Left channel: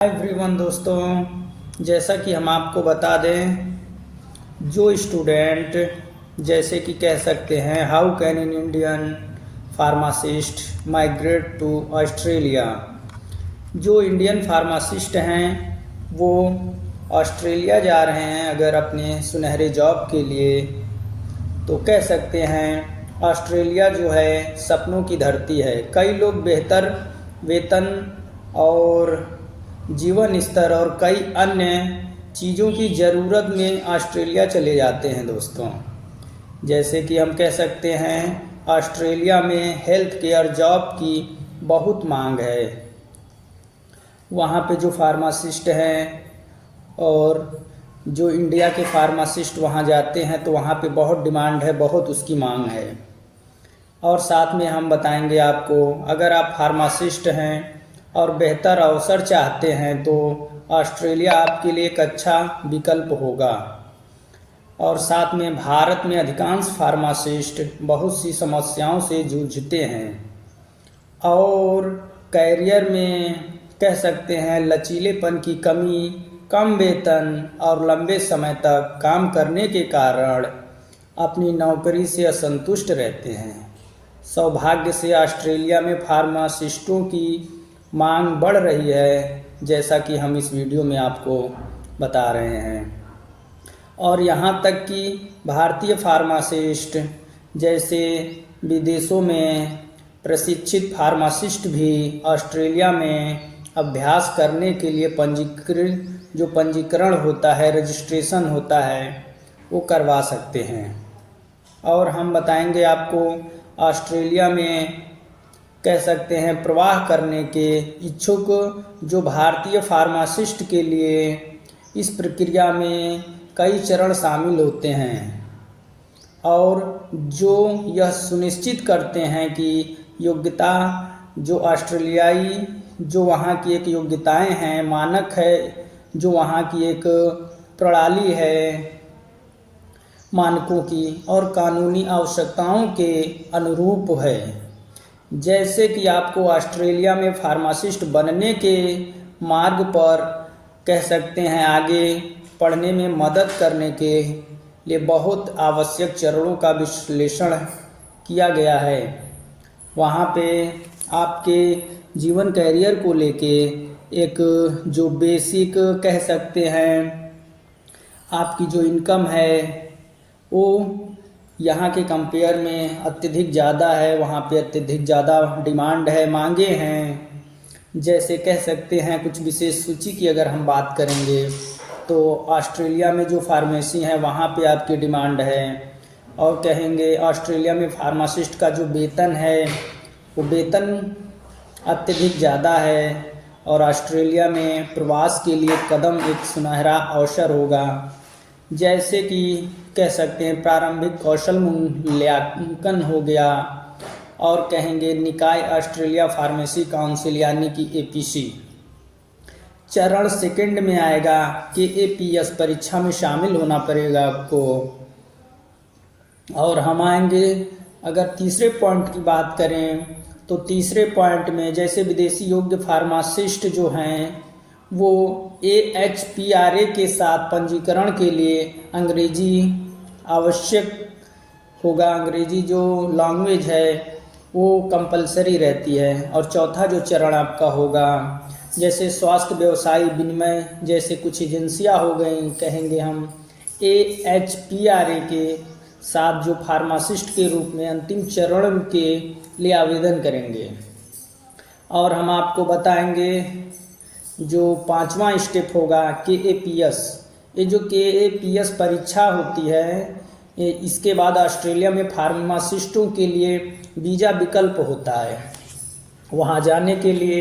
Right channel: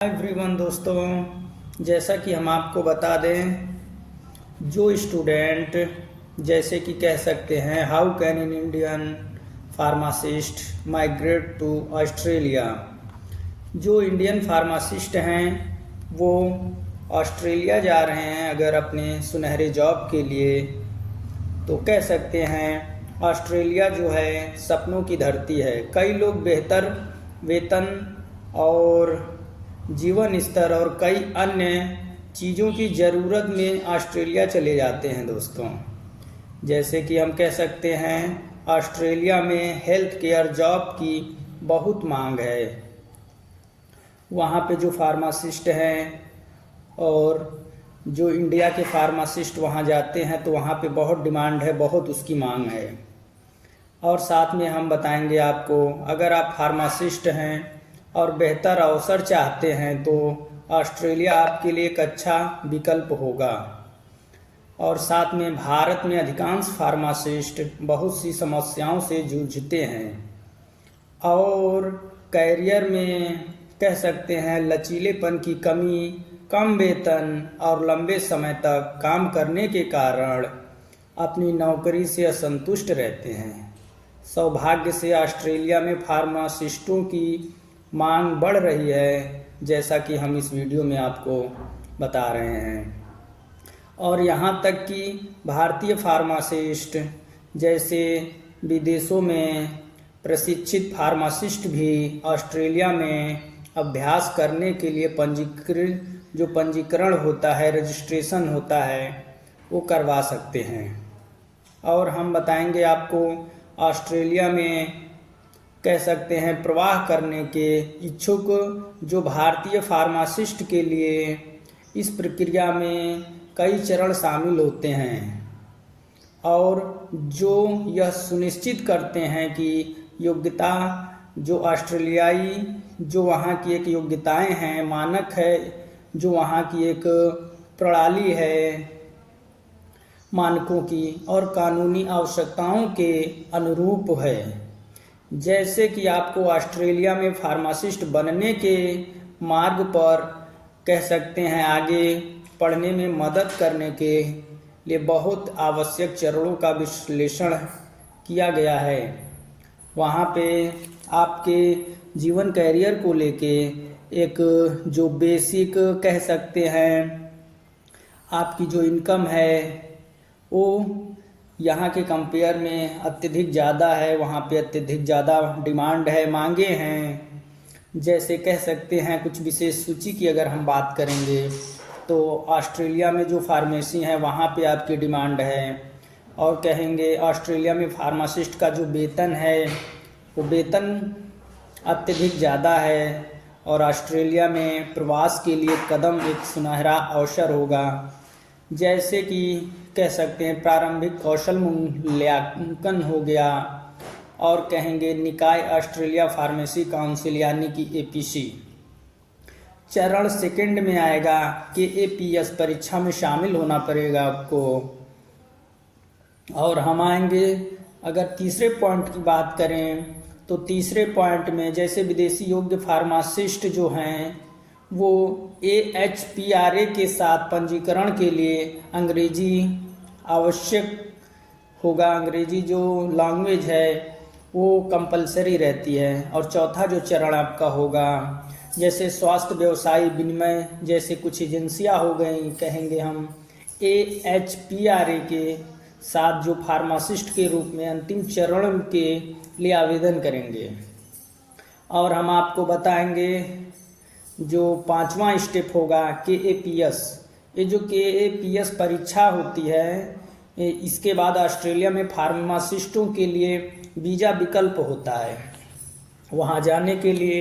Hi everyone दोस्तों, जैसा कि हम आपको बता दें, जो स्टूडेंट जैसे कि कह सकते हैं how can an Indian pharmacist migrate to Australia. जो इंडियन फार्मासिस्ट हैं वो ऑस्ट्रेलिया जा रहे हैं अगर अपने सुनहरे जॉब के लिए, तो कह सकते हैं ऑस्ट्रेलिया जो है सपनों की धरती है। कई लोग बेहतर वेतन और जीवन स्तर और कई अन्य चीज़ों की ज़रूरत में ऑस्ट्रेलिया चले जाते हैं दोस्तों। जैसे कि हम कह सकते हैं ऑस्ट्रेलिया में हेल्थ केयर जॉब की बहुत मांग है। वहाँ पे जो फार्मासिस्ट हैं और जो इंडिया के फार्मासिस्ट वहाँ जाते हैं तो वहाँ पे बहुत डिमांड है, बहुत उसकी मांग है। और साथ में हम बताएंगे आपको, अगर आप फार्मासिस्ट हैं और बेहतर अवसर चाहते हैं तो ऑस्ट्रेलिया आपके लिए एक अच्छा विकल्प होगा। और साथ में भारत में अधिकांश फार्मासिस्ट बहुत सी समस्याओं से जूझते हैं और कैरियर में कह सकते हैं लचीलेपन की कमी, कम वेतन और लंबे समय तक काम करने के कारण अपनी नौकरी से असंतुष्ट रहते हैं। सौभाग्य से ऑस्ट्रेलिया में फार्मासिस्टों की मांग बढ़ रही है, जैसा कि हम इस वीडियो में आपको बता रहे हैं। और यहाँ तक कि भारतीय फार्मासिस्ट जैसे विदेशों में प्रशिक्षित फार्मासिस्ट भी ऑस्ट्रेलिया में अभ्यास करने के लिए पंजीकरण होता है, रजिस्ट्रेशन होता है, वो करवा सकते हैं। और हम बताएंगे आपको ऑस्ट्रेलिया में कह सकते हैं प्रवाह करने के इच्छुक जो भारतीय फार्मासिस्ट के लिए इस प्रक्रिया में कई चरण शामिल होते हैं और जो यह सुनिश्चित करते हैं कि योग्यता जो ऑस्ट्रेलियाई जो वहाँ की एक योग्यताएं हैं, मानक है, जो वहाँ की एक प्रणाली है मानकों की और कानूनी आवश्यकताओं के अनुरूप है। जैसे कि आपको ऑस्ट्रेलिया में फार्मासिस्ट बनने के मार्ग पर कह सकते हैं आगे पढ़ने में मदद करने के लिए बहुत आवश्यक चरणों का विश्लेषण किया गया है। वहाँ पे आपके जीवन कैरियर को लेके एक जो बेसिक कह सकते हैं आपकी जो इनकम है वो यहाँ के कंपेयर में अत्यधिक ज़्यादा है। वहाँ पे अत्यधिक ज़्यादा डिमांड है, मांगे हैं। जैसे कह सकते हैं कुछ विशेष सूची की अगर हम बात करेंगे तो ऑस्ट्रेलिया में जो फार्मेसी है वहाँ पे आपकी डिमांड है। और कहेंगे ऑस्ट्रेलिया में फार्मासिस्ट का जो वेतन है वो वेतन अत्यधिक ज़्यादा है और ऑस्ट्रेलिया में प्रवास के लिए कदम एक सुनहरा अवसर होगा। जैसे कि कह सकते हैं प्रारंभिक कौशल मूल्यांकन हो गया और कहेंगे निकाय ऑस्ट्रेलिया फार्मेसी काउंसिल यानी कि एपीसी। चरण सेकंड में आएगा कि एपीएस परीक्षा में शामिल होना पड़ेगा आपको। और हम आएंगे अगर तीसरे पॉइंट की बात करें तो तीसरे पॉइंट में जैसे विदेशी योग्य फार्मासिस्ट जो हैं वो AHPRA के साथ पंजीकरण के लिए अंग्रेजी आवश्यक होगा। अंग्रेजी जो लैंग्वेज है वो कंपलसरी रहती है। और चौथा जो चरण आपका होगा जैसे स्वास्थ्य व्यवसाय विनिमय जैसे कुछ एजेंसियां हो गई, कहेंगे हम AHPRA के साथ जो फार्मासिस्ट के रूप में अंतिम चरण के लिए आवेदन करेंगे। और हम आपको बताएंगे जो पांचवा स्टेप होगा KAPS। ये जो KAPS परीक्षा होती है इसके बाद ऑस्ट्रेलिया में फार्मासिस्टों के लिए वीज़ा विकल्प होता है। वहाँ जाने के लिए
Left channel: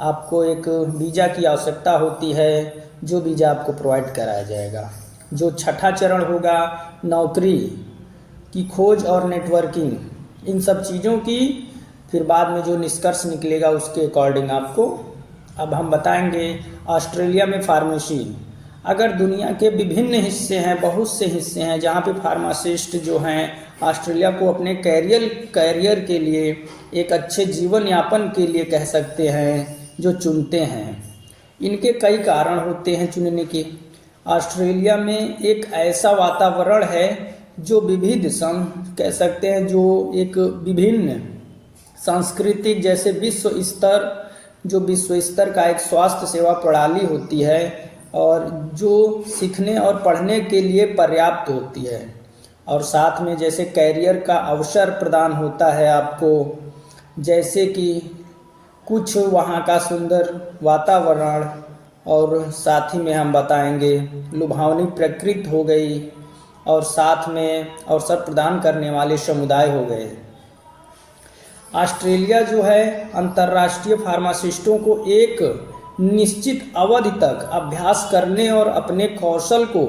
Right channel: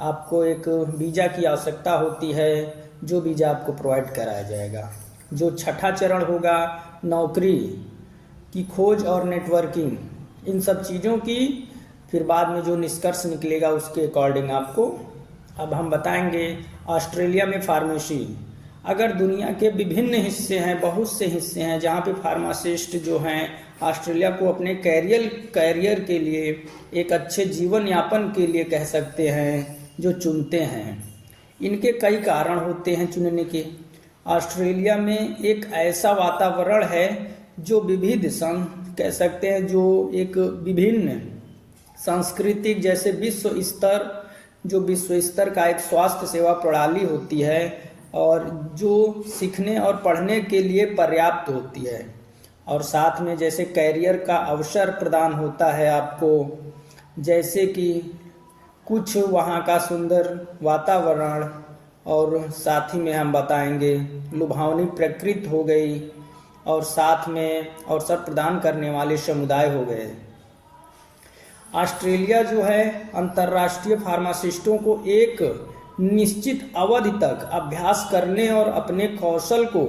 आपको एक वीज़ा की आवश्यकता होती है, जो वीज़ा आपको प्रोवाइड कराया जाएगा। जो छठा चरण होगा नौकरी की खोज और नेटवर्किंग, इन सब चीज़ों की फिर बाद में जो निष्कर्ष निकलेगा उसके अकॉर्डिंग आपको अब हम बताएंगे ऑस्ट्रेलिया में फार्मेसी। अगर दुनिया के विभिन्न हिस्से हैं, बहुत से हिस्से हैं जहाँ पे फार्मासिस्ट जो हैं ऑस्ट्रेलिया को अपने कैरियर के लिए एक अच्छे जीवन यापन के लिए कह सकते हैं जो चुनते हैं। इनके कई कारण होते हैं चुनने के। ऑस्ट्रेलिया में एक ऐसा वातावरण है जो विविध कह सकते हैं, जो एक विभिन्न सांस्कृतिक, जैसे विश्व स्तर का एक स्वास्थ्य सेवा प्रणाली होती है, और जो सीखने और पढ़ने के लिए पर्याप्त होती है, और साथ में जैसे कैरियर का अवसर प्रदान होता है आपको, जैसे कि कुछ वहाँ का सुंदर वातावरण, और साथ ही में हम बताएंगे लुभावनी प्रकृति हो गई, और साथ में अवसर प्रदान करने वाले समुदाय हो गए। ऑस्ट्रेलिया जो है अंतर्राष्ट्रीय फार्मासिस्टों को एक निश्चित अवधि तक अभ्यास करने और अपने कौशल को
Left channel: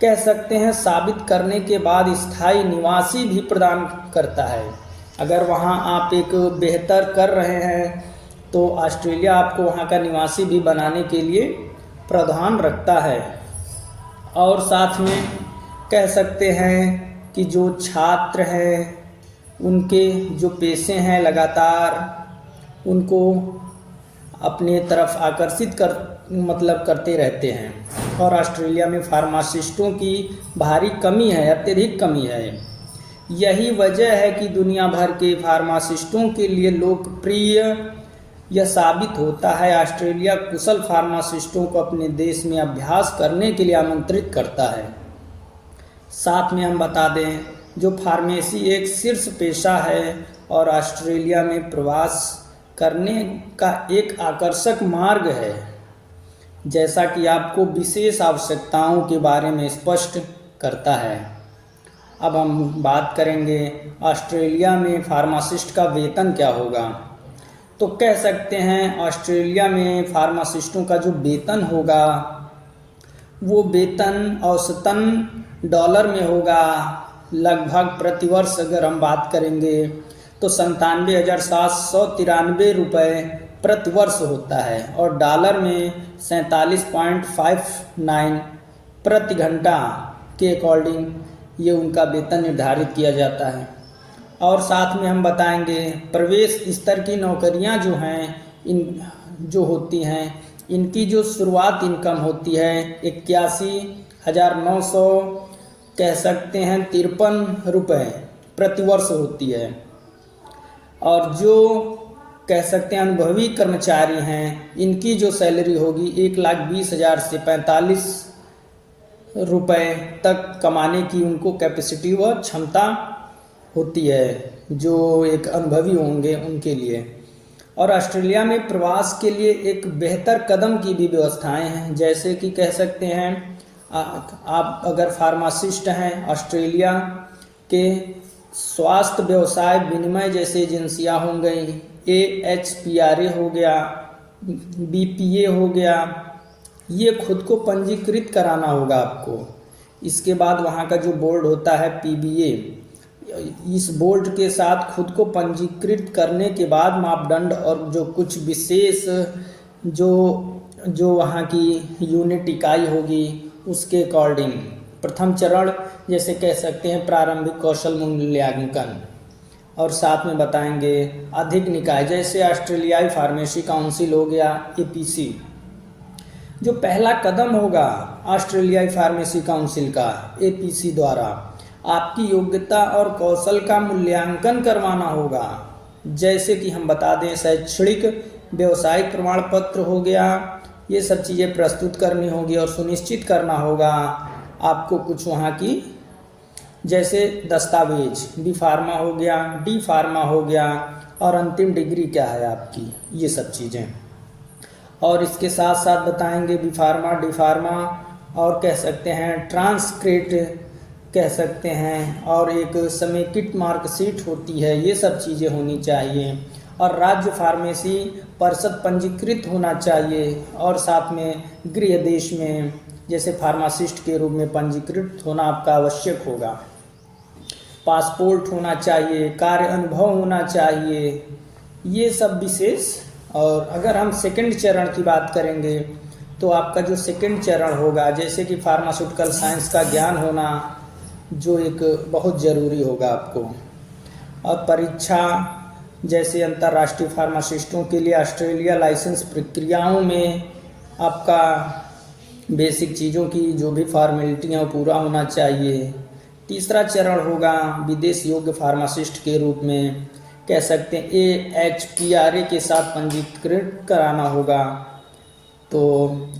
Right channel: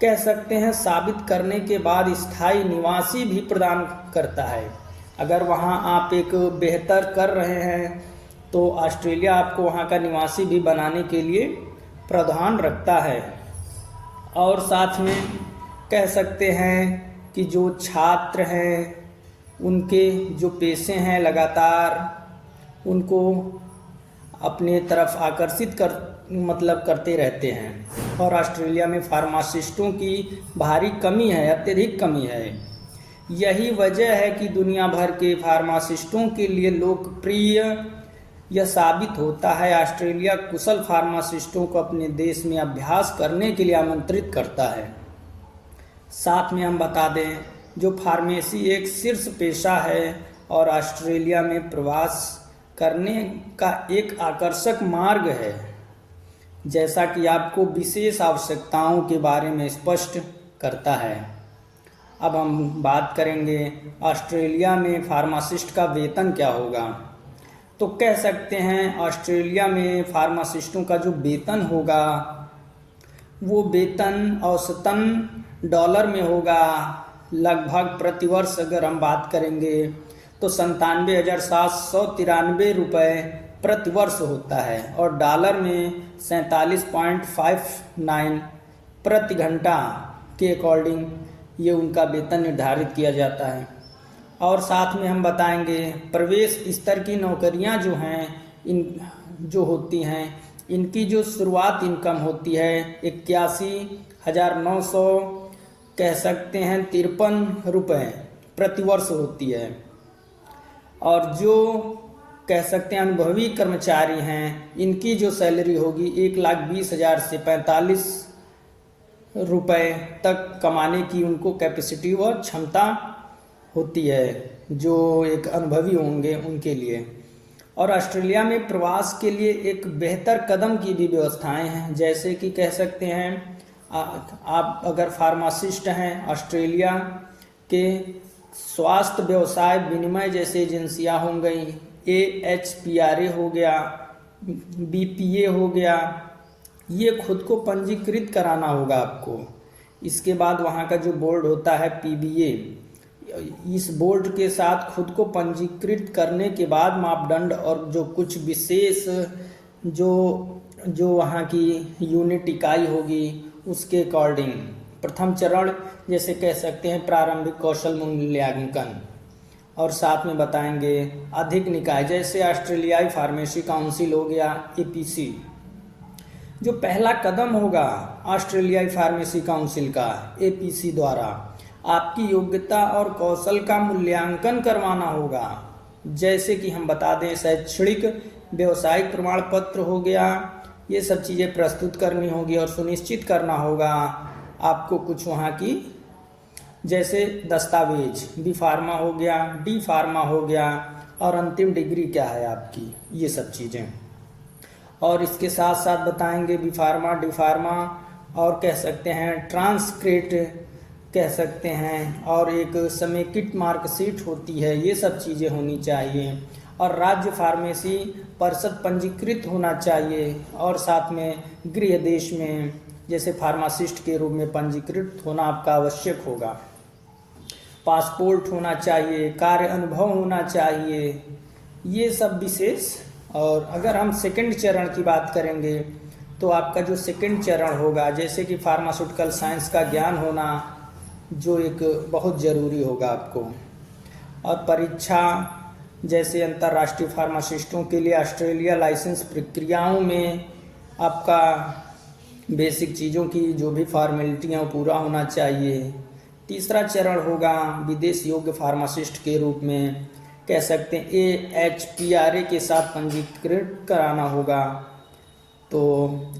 कह सकते हैं साबित करने के बाद स्थायी निवासी भी प्रदान करता है। अगर वहाँ आप एक बेहतर कर रहे हैं तो ऑस्ट्रेलिया आपको वहाँ का निवासी भी बनाने के लिए प्रावधान रखता है। और साथ में कह सकते हैं कि जो छात्र हैं उनके जो पेशे हैं लगातार उनको अपने तरफ आकर्षित करते रहते हैं। और ऑस्ट्रेलिया में फार्मासिस्टों की भारी कमी है, अत्यधिक कमी है। यही वजह है कि दुनिया भर के फार्मासिस्टों के लिए लोकप्रिय यह साबित होता है। ऑस्ट्रेलिया कुशल फार्मासिस्टों को अपने देश में अभ्यास करने के लिए आमंत्रित करता है। साथ में हम बता दें, जो फार्मेसी एक शीर्ष पेशा है और ऑस्ट्रेलिया में प्रवास करने का एक आकर्षक मार्ग है, जैसा कि आपको विशेष आवश्यकताओं के बारे में स्पष्ट करता है। अब हम बात करेंगे ऑस्ट्रेलिया में फार्मासिस्ट का वेतन क्या होगा। तो कह सकते हैं ऑस्ट्रेलिया में फार्मासिस्टों का जो वेतन होगा वो वेतन औसतन डॉलर में होगा। लगभग प्रतिवर्ष अगर हम बात करेंगे तो 97,793 रुपये प्रतिवर्ष होता है, और डॉलर में 47.59 प्रति घंटा के अकॉर्डिंग ये उनका वेतन निर्धारित किया जाता है। और साथ में हम बताएंगे प्रवेश स्तर की नौकरियां जो हैं जो होती हैं, इनकी जो शुरुआत इनकम होती है 81,900 कह सकते हैं 53 रुपये प्रतिवर्ष होती है। और जो कह सकते हैं अनुभवी कर्मचारी हैं, इनकी जो सैलरी होगी 1,20,000 से 45 रुपये तक कमाने की उनको कैपेसिटी व क्षमता होती है, जो एक अनुभवी होंगे उनके लिए। और ऑस्ट्रेलिया में प्रवास के लिए एक बेहतर कदम की भी व्यवस्थाएं हैं, जैसे कि कह सकते हैं आप अगर फार्मासिस्ट हैं, ऑस्ट्रेलिया के स्वास्थ्य व्यवसाय विनिमय जैसे एजेंसियां हो गई, AHPRA हो गया, BPA हो गया, ये खुद को पंजीकृत कराना होगा आपको। इसके बाद वहाँ का जो बोर्ड होता है PBA, इस बोर्ड के साथ खुद को पंजीकृत करने के बाद मापदंड और जो कुछ विशेष जो वहाँ की यूनिट इकाई होगी उसके अकॉर्डिंग प्रथम चरण जैसे कह सकते हैं प्रारंभिक कौशल मूल्यांकन। और साथ में बताएंगे अधिक निकाय जैसे ऑस्ट्रेलियाई फार्मेसी काउंसिल हो गया APC। जो पहला कदम होगा ऑस्ट्रेलियाई फार्मेसी काउंसिल का APC द्वारा आपकी योग्यता और कौशल का मूल्यांकन करवाना होगा, जैसे कि हम बता दें शैक्षणिक व्यावसायिक प्रमाण पत्र हो गया, ये सब चीज़ें प्रस्तुत करनी होगी और सुनिश्चित करना होगा आपको कुछ वहाँ की जैसे दस्तावेज B फार्मा हो गया, D फार्मा हो गया, और अंतिम डिग्री क्या है आपकी, ये सब चीज़ें। और इसके साथ साथ बताएंगे B फार्मा, D फार्मा, और कह सकते हैं ट्रांसक्रिप्ट कह सकते हैं, और एक समेकित मार्कशीट होती है, ये सब चीज़ें होनी चाहिए। और राज्य फार्मेसी परिषद पंजीकृत होना चाहिए, और साथ में गृह देश में जैसे फार्मासिस्ट के रूप में पंजीकृत होना आपका आवश्यक होगा। पासपोर्ट होना चाहिए, कार्य अनुभव होना चाहिए, ये सब विशेष। और अगर हम सेकंड चरण की बात करेंगे तो आपका जो सेकंड चरण होगा जैसे कि फार्मास्यूटिकल साइंस का ज्ञान होना, जो एक बहुत ज़रूरी होगा आपको। और परीक्षा जैसे अंतर्राष्ट्रीय फार्मासिस्टों के लिए ऑस्ट्रेलिया लाइसेंस प्रक्रियाओं में आपका बेसिक चीज़ों की जो भी फॉर्मेलिटी है वो पूरा होना चाहिए। तीसरा चरण होगा विदेश योग्य फार्मासिस्ट के रूप में कह सकते हैं AHPRA के साथ पंजीकृत कराना होगा। तो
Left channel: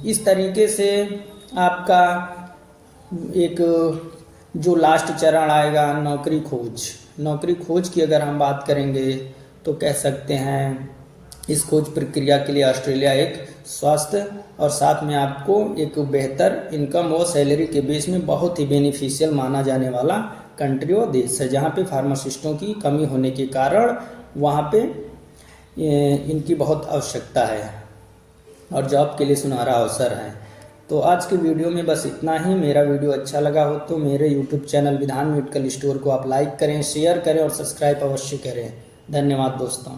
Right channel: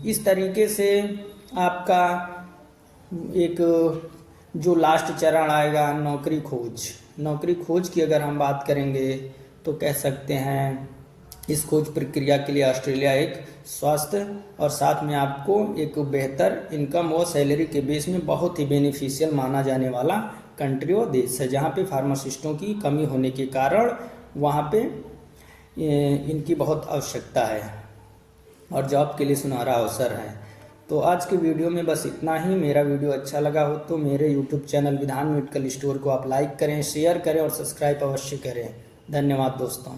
इस तरीके से आपका एक जो लास्ट चरण आएगा नौकरी खोज की अगर हम बात करेंगे तो कह सकते हैं इस खोज प्रक्रिया के लिए ऑस्ट्रेलिया एक स्वास्थ्य और साथ में आपको एक बेहतर इनकम और सैलरी के बेस में बहुत ही बेनिफिशियल माना जाने वाला कंट्री और देश है, जहाँ पे फार्मासिस्टों की कमी होने के कारण वहाँ पे इनकी बहुत आवश्यकता है और जॉब के लिए सुनहरा अवसर है। तो आज के वीडियो में बस इतना ही। मेरा वीडियो अच्छा लगा हो तो मेरे यूट्यूब चैनल विधान मेडिकल स्टोर को आप लाइक करें, शेयर करें और सब्सक्राइब अवश्य करें। धन्यवाद दोस्तों।